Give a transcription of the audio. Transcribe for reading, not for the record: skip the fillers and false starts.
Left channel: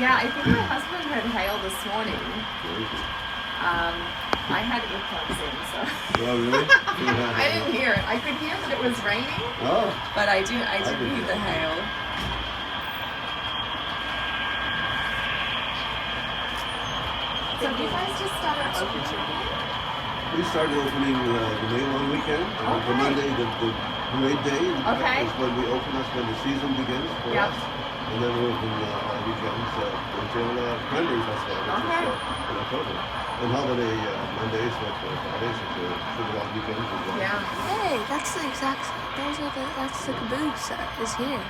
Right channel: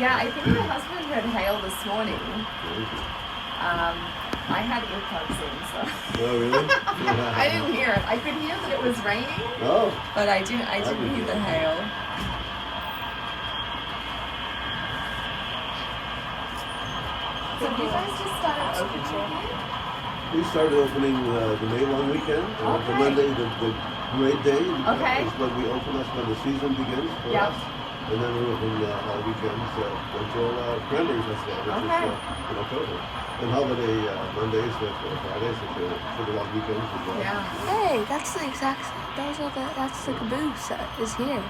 Yeah, I think my husband had hail this morning. Crazy. I had earplugs in, so Oh, really? I didn't hear it. I could hear that it was raining, Oh, but I didn't hear the hail. So have you guys just started opening? we started opening the May long weekend. The Okay. Monday, the parade day Okay. is when we open. That's when the season begins for Yep. us. And then we open our weekends until Cranberry Festival, which Okay. is in October. And holiday Mondays, Fridays, for the long weekends as well. Yeah. Hey, that's the exact. That's the caboose that is here.